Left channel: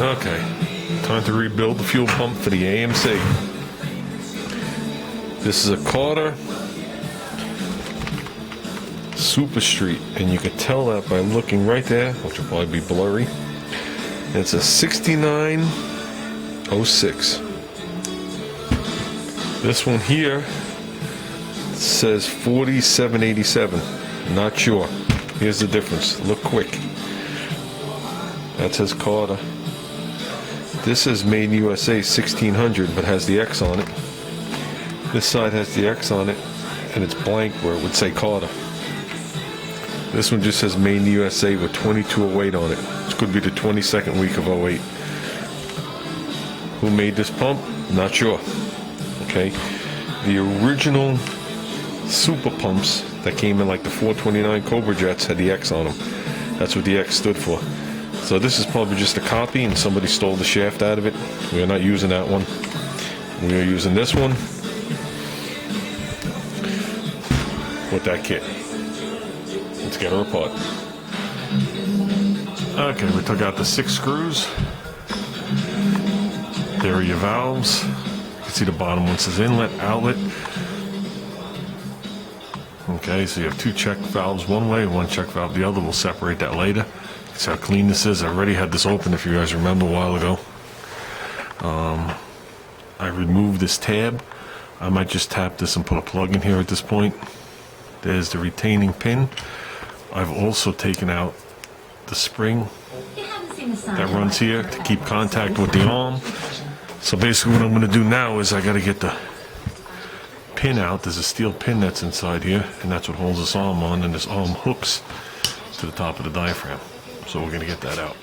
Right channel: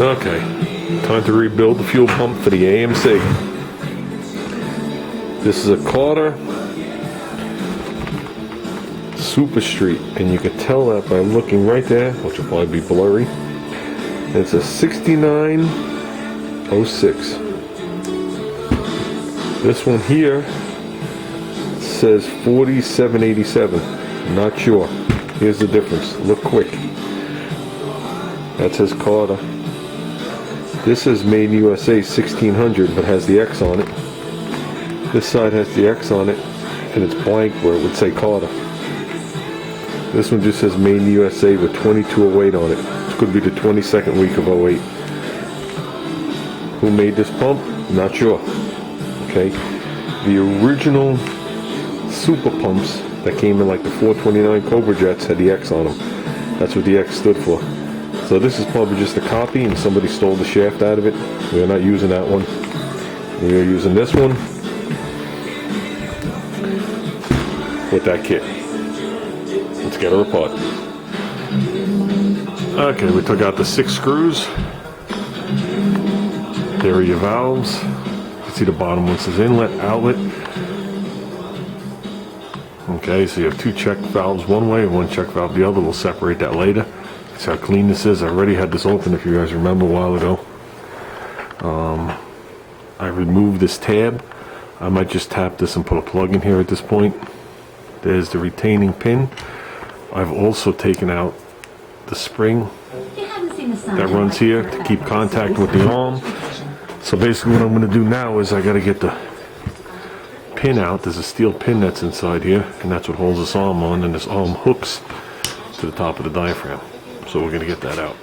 Okay, time to rebuild the fuel pump for the AMC. This is a Carter Super Street, and you could tell that by looking right there, which will probably be blurry. And it's a 6906. This one here says 4787. Not sure. Here's the difference. Look quick. That says Carter. This is made in USA 1600, but has the X on it. This side has the X on it, and it's blank where it would say Carter. This one just says made in USA with 2208 on it. It could be the 22nd week of 08. Who made this pump? Not sure. Okay. The original super pumps that came in like the 429 Cobra Jets had the X on them. That's what the X stood for. So this is probably just a copy and somebody stole the shaft out of it. We are not using that one. We are using this one with that kit. Let's get her apart. Okay, we took out the 6 screws. There are your valves. You can see the bottom one says inlet, outlet. Okay, so you have 2 check valves one way and 1 check valve the other. We'll separate that later. That's how clean this is. I already had this open, if you guys remember, a while ago. I removed this tab. I might just tap this and put a plug in here at this point. There's the retaining pin. I've also taken out the spring that runs here to keep contact with the arm. So basically what I'm going to do now is I got to get the pin out. There's a steel pin that's inside here, and that's what holds this arm on, and this arm hooks to the top of the diaphragm. So we're going to get that out.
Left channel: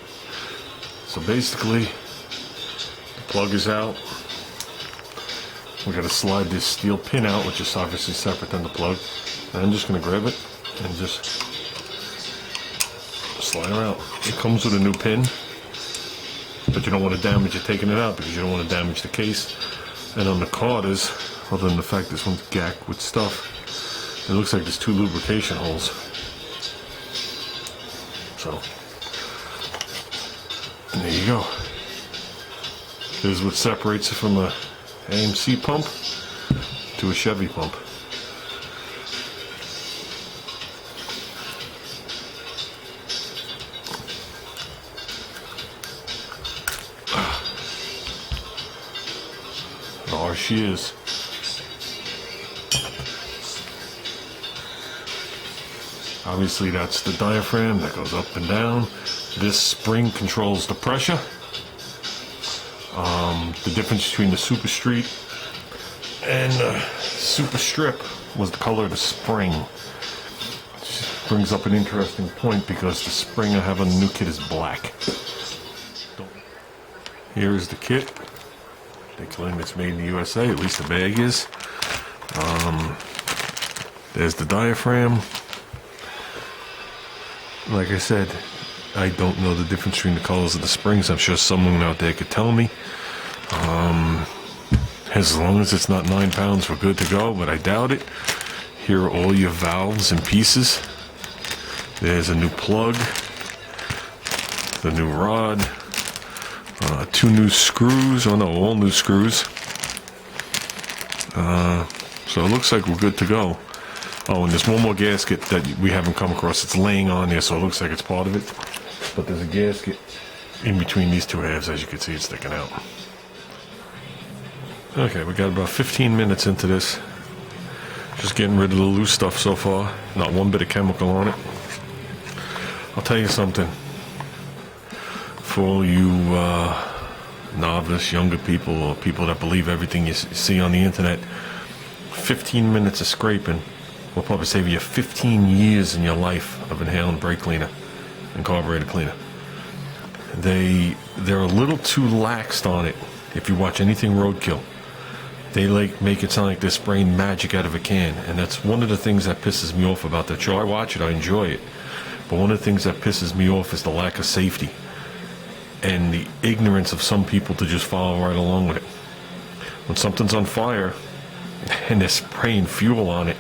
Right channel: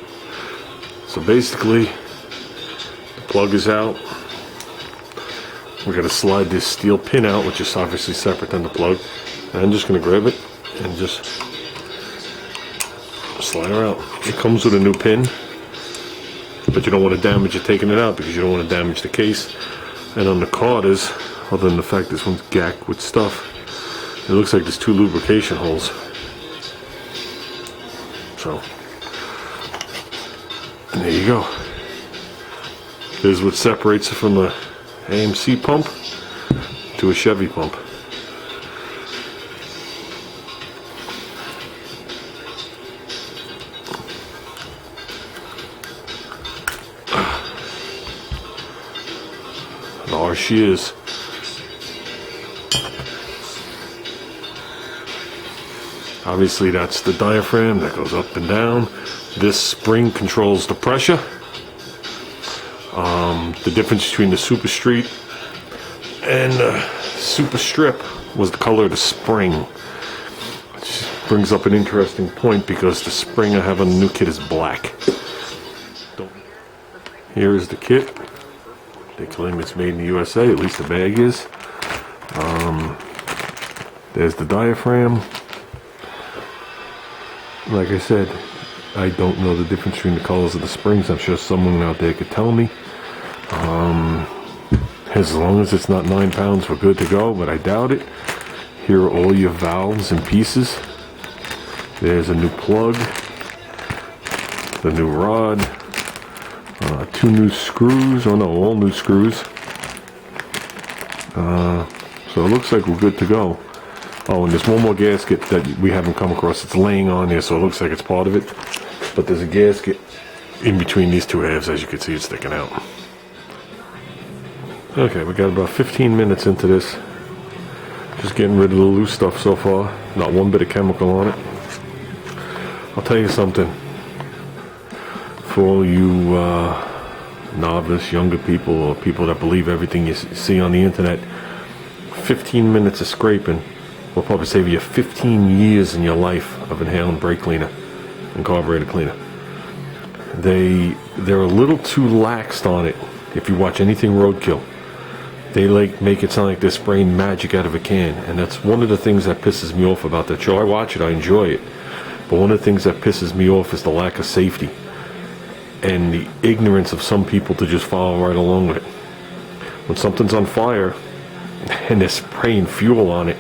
So basically, the plug is out. We're going to slide this steel pin out, which is obviously separate than the plug. And I'm just going to grab it and just slide her out. It comes with a new pin, but you don't want to damage it taking it out because you don't want to damage the case. And on the Carters, other than the fact this one's gacked with stuff, it looks like there's 2 lubrication holes. So, there you go. This is what separates it from a AMC pump to a Chevy pump. There she is. Obviously that's the diaphragm that goes up and down. This spring controls the pressure. The difference between the Super Street and the Super Strip was the color of the spring. Which brings up an interesting point because the spring I have on the new kit is black. Here is the kit. They claim it's made in the USA, at least the bag is. There's the diaphragm. Like I said, I don't know the difference between the colors of the springs. I'm sure someone out there could tell me. As long as it's not 9 pounds, we're good to go, but I doubt it. Here are all your valves and pieces. There's a new plug, the new rod, 2 new screws, all new screws. So it looks like we're good to go. Oh, and there's one more gasket that we haven't come across. It's laying on there, so it looks like it's part of it. But there's a gasket in between these 2 halves. As you can see, it's sticking out. Okay, we got about 15 minutes into this. Just getting rid of the loose stuff so far. Not one bit of chemical on it. I'll tell you something. For all you novice, younger people, or people that believe everything you see on the internet, 15 minutes of scraping will probably save you 15 years in your life of inhaling brake cleaner and carburetor cleaner. They're a little too laxed on it. If you watch anything roadkill, they make it sound like they're spraying magic out of a can, and that's one of the things that pisses me off about that show. I watch it, I enjoy it, but one of the things that pisses me off is the lack of safety and the ignorance of some people to just follow right along with it. When something's on fire and they're spraying fuel on it,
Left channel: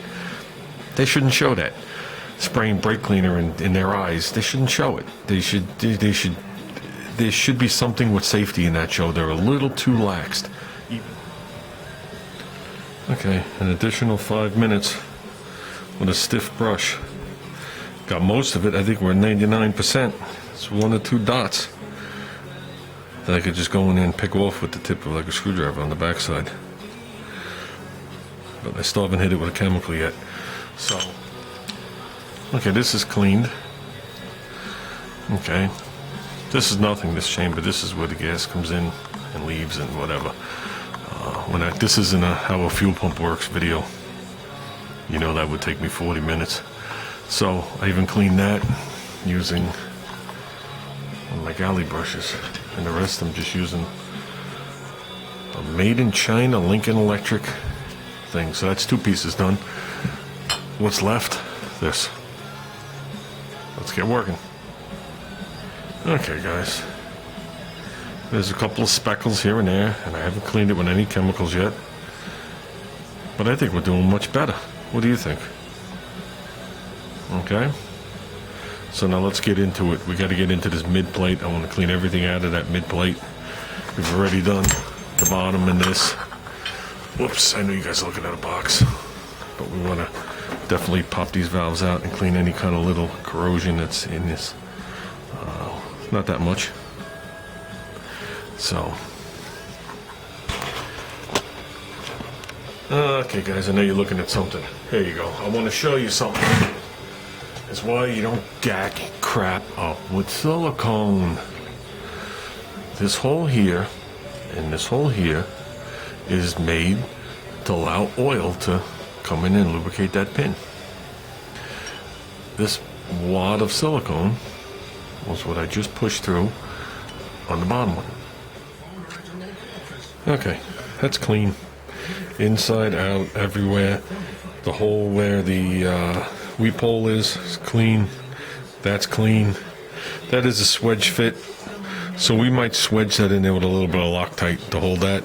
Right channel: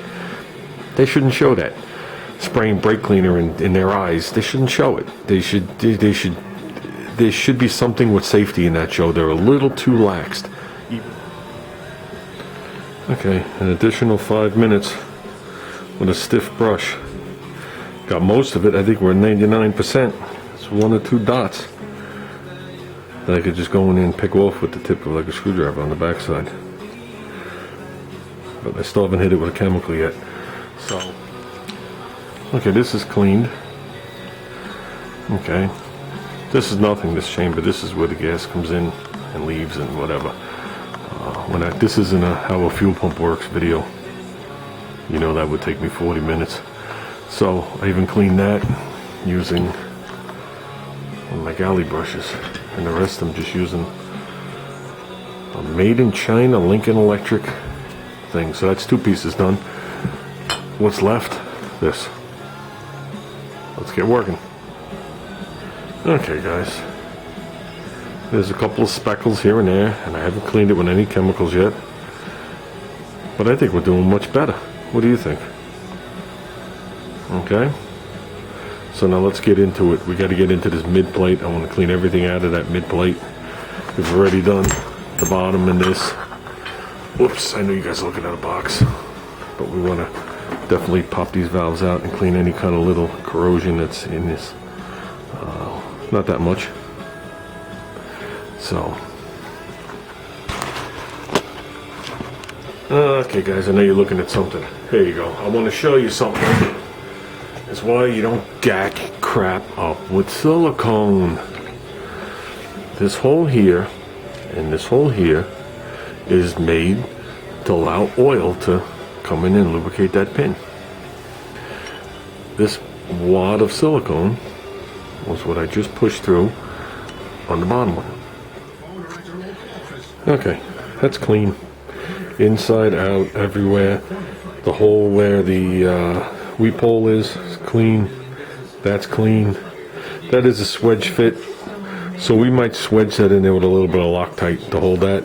they shouldn't show that. Spraying brake cleaner in their eyes, they shouldn't show it. They should there should be something with safety in that show. They're a little too laxed. Okay, an additional 5 minutes with a stiff brush. Got most of it. I think we're at 99%. It's 1 or 2 dots that I could just go in there and pick off with the tip of like a screwdriver on the backside. But I still haven't hit it with a chemical yet. So, okay, this is cleaned. Okay, this is nothing, this chamber. This is where the gas comes in and leaves and whatever. This isn't how a fuel pump works video. You know that would take me 40 minutes. So I even cleaned that using one of my galley brushes. And the rest I'm just using a made in China Lincoln Electric thing. So that's 2 pieces done. What's left? This. Let's get working. Okay, guys. There's a couple of speckles here and there, and I haven't cleaned it with any chemicals yet. But I think we're doing much better. What do you think? Okay. So now let's get into it. We got to get into this mid plate. I want to clean everything out of that mid plate. We've already done the bottom and this. Whoops, I know you guys are looking at a box. But we want to definitely pop these valves out and clean any kind of little corrosion that's in this. Not that much. So. Okay, guys, I know you're looking at something. Here you go. I want to show you something. It's why you don't gack crap up with silicone. This hole here and this hole here is made to allow oil to come in and lubricate that pin. This wad of silicone was what I just pushed through on the bottom one. Okay, that's clean. Inside, out, everywhere. The hole where the weep hole is clean. That's clean. That is a swedge fit. So we might swedge that in there with a little bit of Loctite to hold that.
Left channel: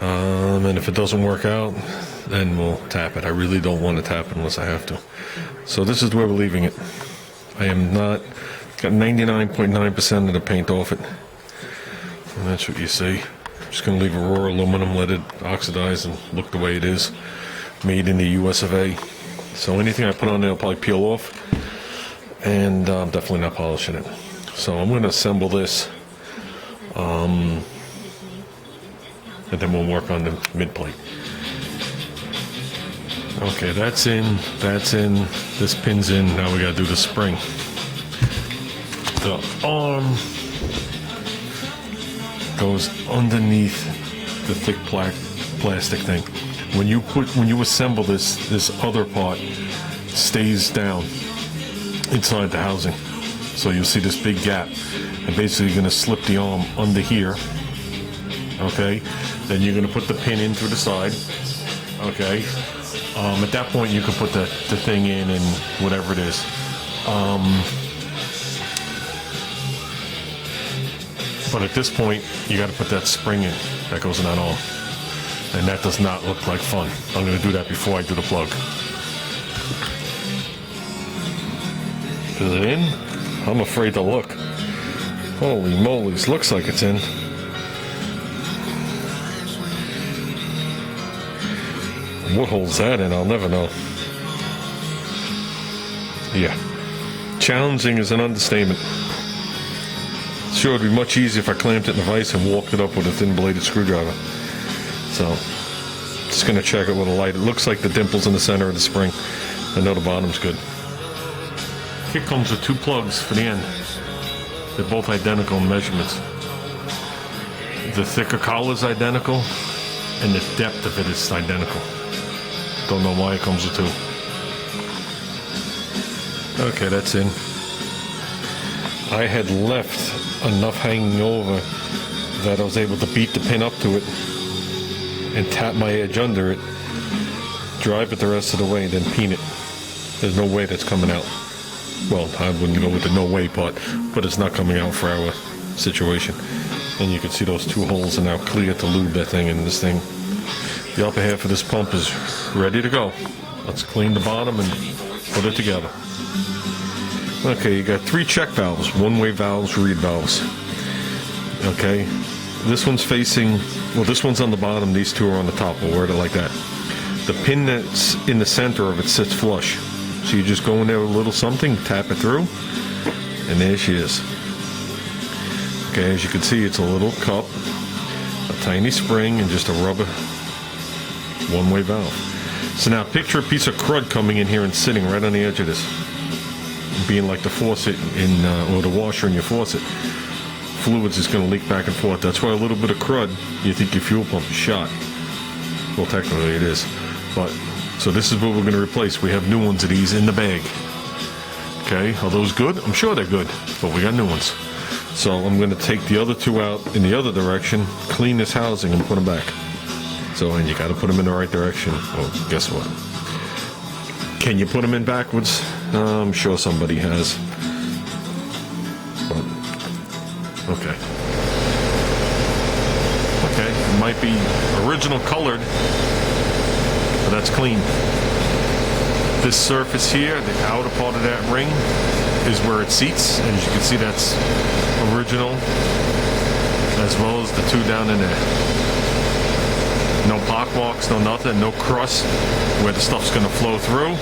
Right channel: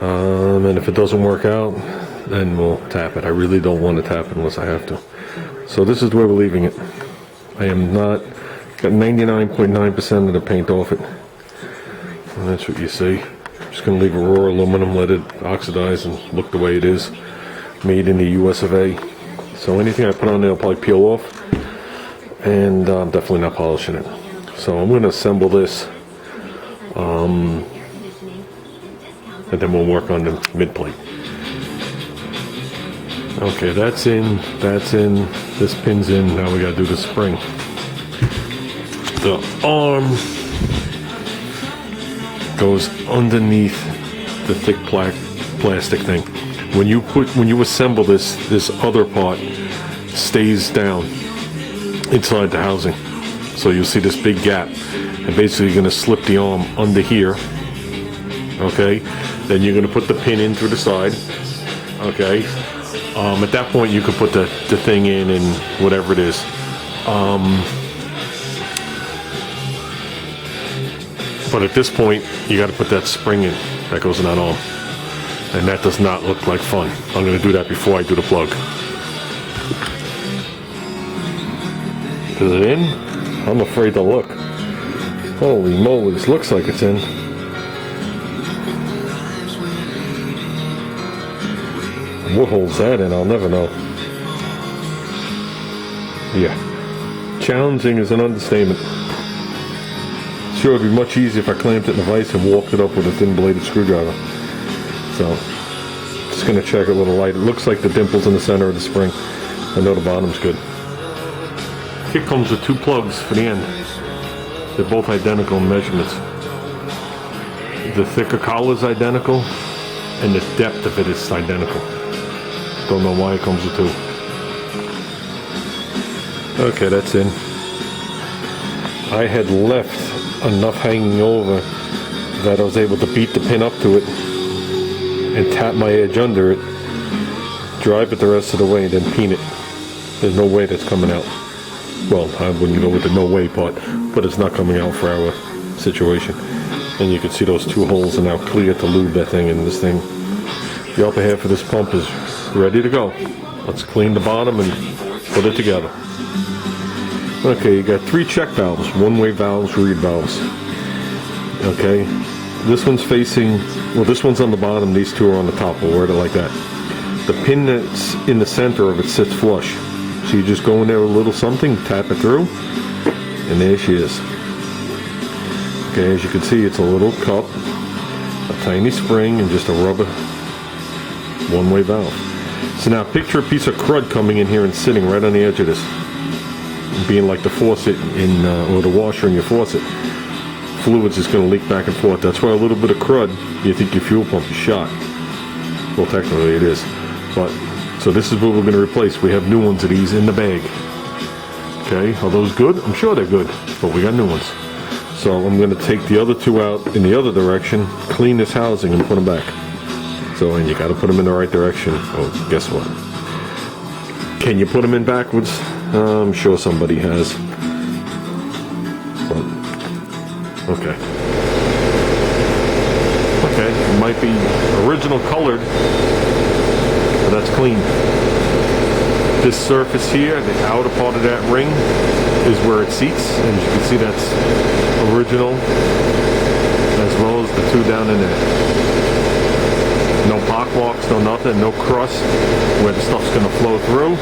And if it doesn't work out, then we'll tap it. I really don't want to tap it unless I have to. So this is where we're leaving it. I am not, got 99.9% of the paint off it. And that's what you see. I'm just going to leave a raw aluminum, let it oxidize and look the way it is. Made in the US of A. So anything I put on there will probably peel off. And I'm definitely not polishing it. So I'm going to assemble this. And then we'll work on the mid plate. Okay, that's in, this pin's in, now we gotta do the spring. The arm goes underneath the thick plastic thing. When you assemble this other part stays down inside the housing. So you'll see this big gap. And basically you're gonna slip the arm under here. Okay, then you're gonna put the pin in through the side. Okay. At that point, you could put the thing in and whatever it is. But at this point, you got to put that spring in that goes in that arm. And that does not look like fun. I'm going to do that before I do the plug. Is it in? I'm afraid to look. Holy moly, this looks like it's in. What holds that in? I'll never know. Yeah. Challenging is an understatement. Sure, it would be much easier if I clamped it in a vise and walked it up with a thin bladed screwdriver. So, just going to check it with a light. It looks like the dimple's in the center of the spring. I know the bottom's good. Kit comes with 2 plugs for the end. They're both identical in measurements. The thicker collar is identical, and the depth of it is identical. Don't know why it comes with 2. Okay, that's in. I had left enough hanging over that I was able to beat the pin up to it and tap my edge under it, drive it the rest of the way, and then peen it. There's no way that's coming out. Well, I wouldn't go with the no way part, but it's not coming out for our situation. And you can see those 2 holes are now clear to lube that thing, and this thing, the upper half of this pump is ready to go. Let's clean the bottom and put it together. Okay, you got 3 check valves, one-way valves, reed valves. Okay, this one's facing, well, this one's on the bottom, these two are on the top. We'll word it like that. The pin that's in the center of it sits flush. So you just go in there with a little something, tap it through, and there she is. Okay, as you can see, it's a little cup, a tiny spring, and just a rubber one-way valve. So now picture a piece of crud coming in here and sitting right on the edge of this, being like the faucet in, or the washer in your faucet. Fluids is going to leak back and forth. That's why a little bit of crud, you think your fuel pump is shot. Well, technically it is. But, so this is what we're going to replace. We have new ones of these in the bag. Okay, are those good? I'm sure they're good, but we got new ones. So I'm going to take the other two out in the other direction, clean this housing, and put them back. So, and you got to put them in the right direction. Oh, guess what? Can you put them in backwards? I'm sure somebody has. But, okay. Okay, it might be original colored, but that's clean. This surface here, the outer part of that ring, is where it seats, and as you can see, that's original, as well as the two down in there. No pock marks, no nothing, no crust where the stuff's gonna flow through.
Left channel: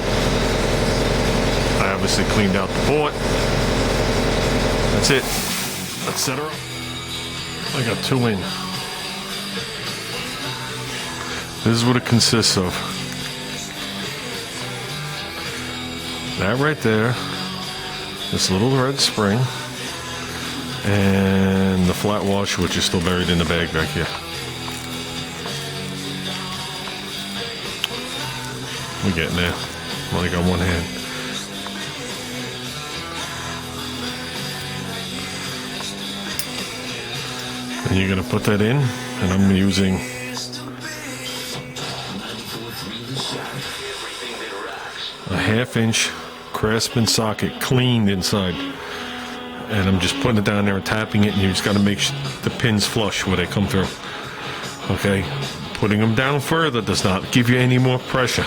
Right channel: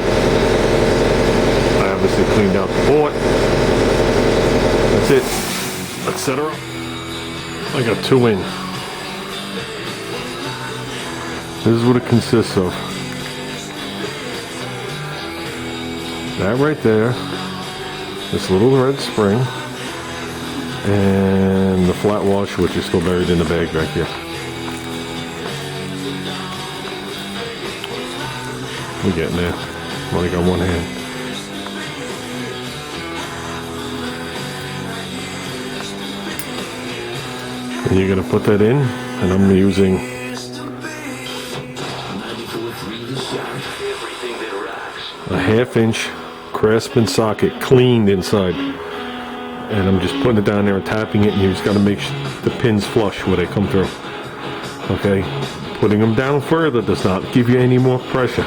I obviously cleaned out the port. That's it. Let's set her up. I got two in. This is what it consists of. That right there, this little red spring, and the flat washer, which is still buried in the bag back here. We're getting there. I'm only got one hand. And you're gonna put that in, and I'm using a 1/2 inch Craftsman socket, cleaned inside, and I'm just putting it down there and tapping it, and you just got to make the pins flush where they come through. Okay, putting them down further does not give you any more pressure.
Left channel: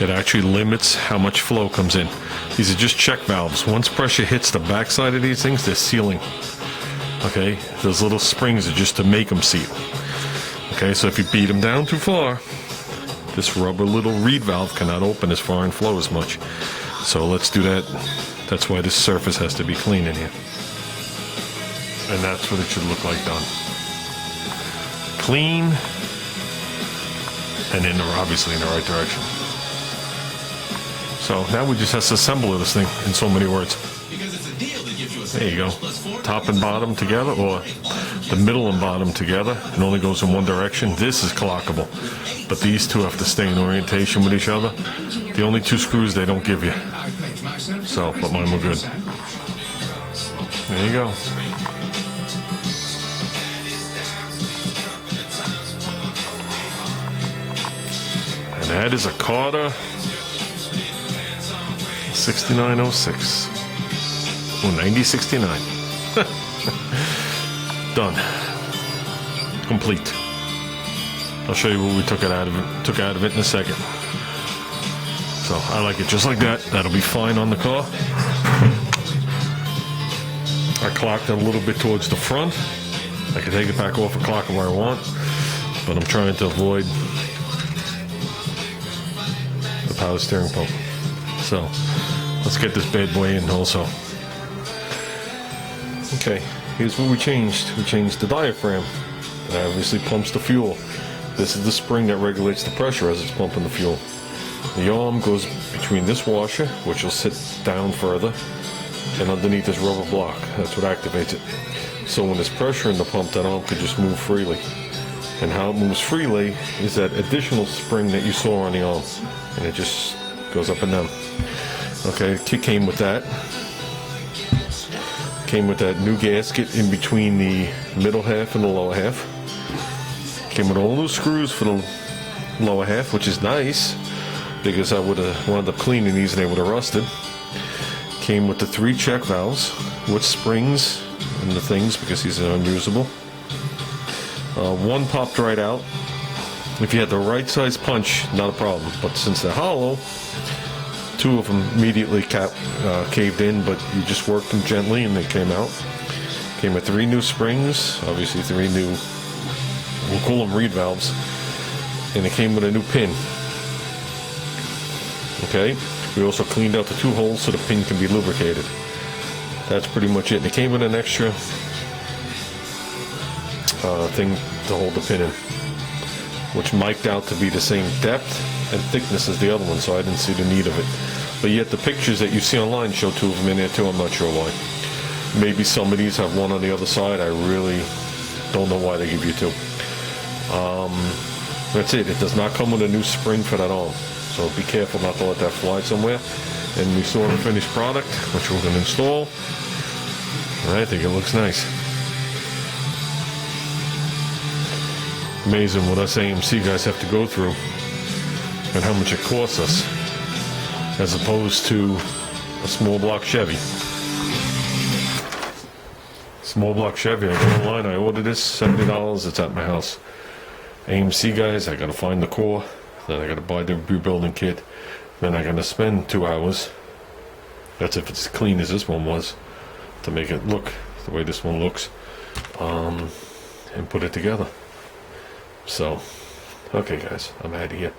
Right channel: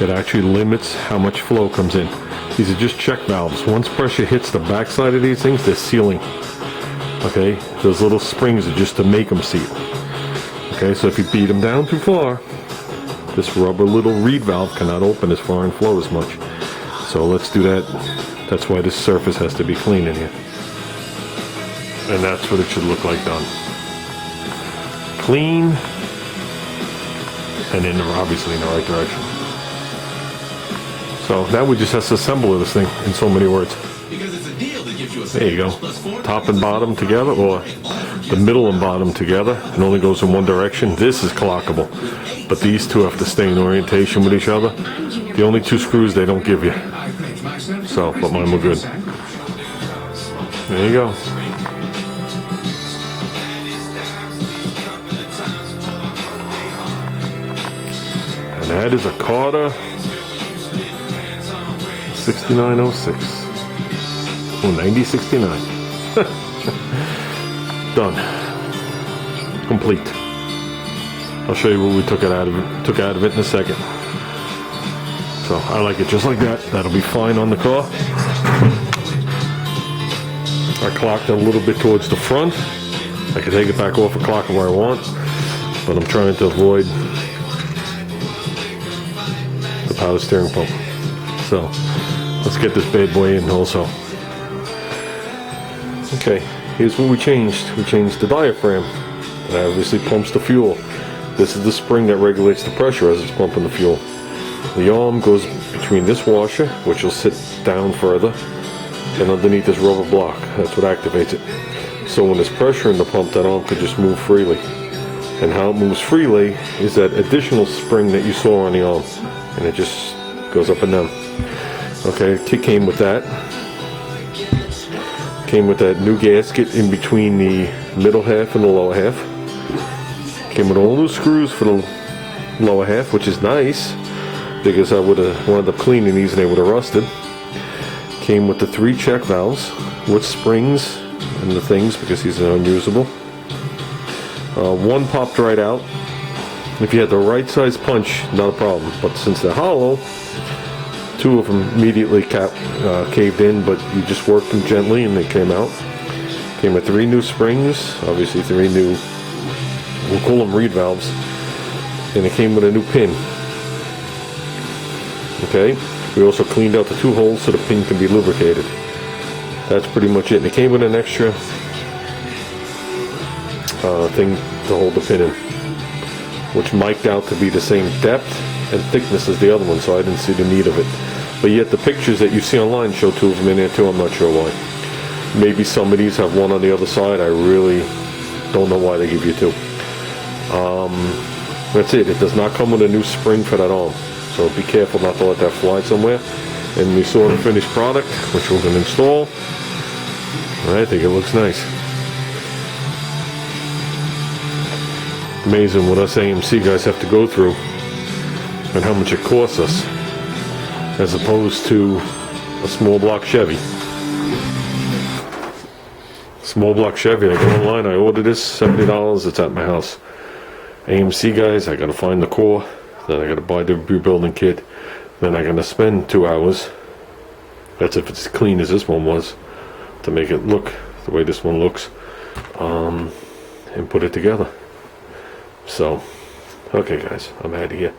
It actually limits how much flow comes in. These are just check valves. Once pressure hits the backside of these things, they're sealing. Okay, those little springs are just to make them seal. Okay, so if you beat them down too far, this rubber little reed valve cannot open as far and flow as much. So let's do that. That's why this surface has to be clean in here. And that's what it should look like done. Clean, and obviously in the right direction. So now we just have to assemble this thing in so many words. There you go. Top and bottom together, or the middle and bottom together. It only goes in one direction. This is clockable, but these two have to stay in orientation with each other. The only two screws they don't give you. So, but mine were good. There you go. And that is a Carter 6906. Oh, 9069. Done. Complete. I'll show you what we took out of it in a second. So I like it just like that. That'll be fine on the car. I clocked it a little bit towards the front. I can take it back off and clock it where I want, but I'm trying to avoid the power steering pump. So let's get this bad boy in also. Okay, here's what we changed. We changed the diaphragm. That obviously pumps the fuel. This is the spring that regulates the pressure as it's pumping the fuel. The arm goes between this washer, which will sit down further, and underneath this rubber block. That's what activates it. So when there's pressure in the pump, that arm could just move freely. And how it moves freely is that additional spring that you saw on the arm. And it just goes up and down. Okay, it came with that. Came with that new gasket in between the middle half and the lower half. Came with all those screws for the lower half, which is nice, because I would have wound up cleaning these and they would have rusted. Came with the 3 check valves with springs and the things, because these are unusable. One popped right out. If you had the right size punch, not a problem, but since they're hollow, 2 of them immediately caved in, but you just worked them gently and they came out. Came with 3 new springs, obviously 3 new, we'll call them reed valves, and it came with a new pin. Okay, we also cleaned out the 2 holes so the pin can be lubricated. That's pretty much it. And it came with an extra thing to hold the pin in, which mic'd out to be the same depth and thickness as the other one, so I didn't see the need of it. But yet the pictures that you see online show 2 of them in there too. I'm not sure why. Maybe some of these have one on the other side. I really don't know why they give you 2. That's it. It does not come with a new spring for that arm, so be careful not to let that fly somewhere. And we saw the finished product, which we're going to install. I think it looks nice. Amazing what us AMC guys have to go through and how much it costs us as opposed to a small block Chevy. Small block Chevy, I go online, I order this, $70, it's at my house. AMC guys, I gotta find the core, then I gotta buy the rebuilding kit, then I gotta spend 2 hours, that's if it's as clean as this one was, to make it look the way this one looks, and put it together. So, okay guys, I'm out of here.